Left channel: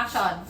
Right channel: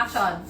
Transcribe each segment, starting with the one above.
Action!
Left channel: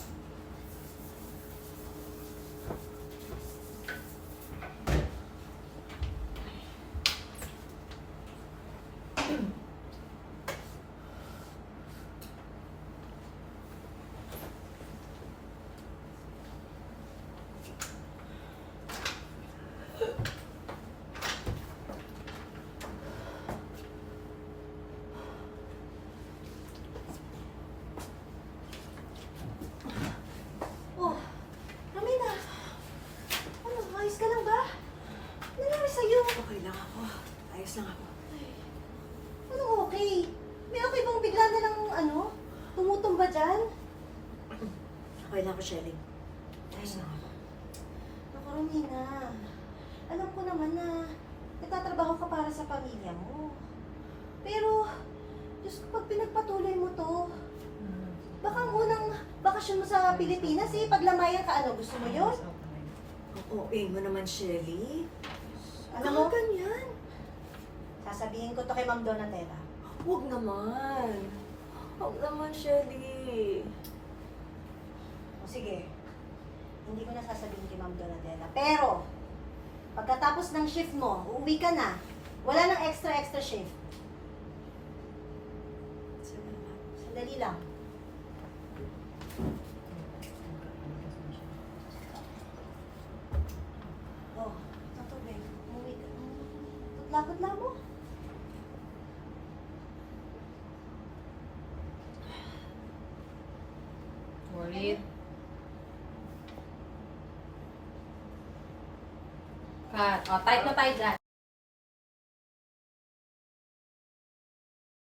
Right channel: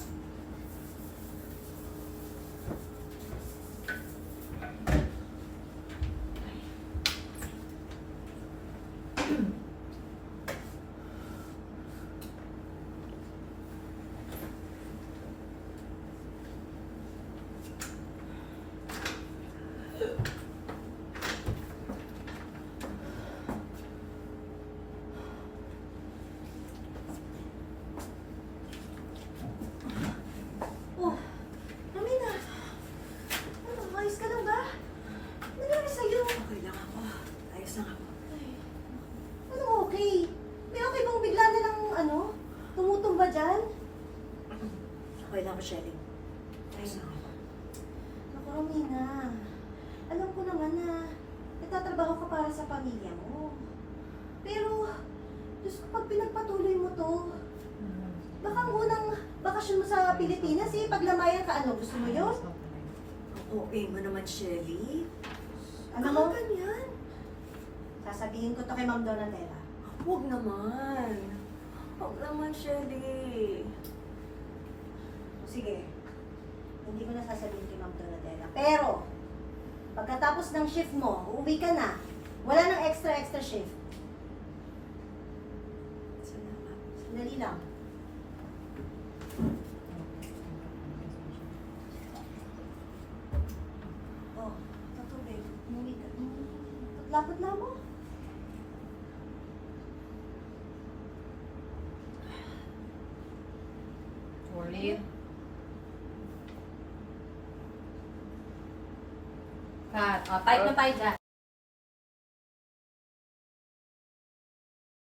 Oh, Ramina. Ano, ayos ka lang ba? Ano nangyari sa'yo? Okay lang ako. Ayos lang ako. Ay, ano okay? May okay bang bigla na lang, tumutumba dyan? Okay lang ako, Shelly. Ayos lang ako. Naku, Ramina. Alam ko naman na nagtatrabaho ka para sa pamilya mo. Pero, Diyos ko, pag pinagpatuloy mo to, baka ang unang bakasyon mo sa Pilipinas paglamayan ka, gusto mo yun? Ang OA mo naman, Shelly. Ano Ano mo? ganyan? Sasabihin ko to kay Ma'am Donatella. Huwag naman. Huwag naman, Shelly. O sige, hindi ko na sasabihin kay Ma'am Donatella. Pero, pagkatapos ng shift mo, uuwi ka na. Wala nang extra shift. Sandali lang. Oh, tatubig. Umuwi ka. Lapot na mo. Worried? Cut. O, tight na tayo dyan.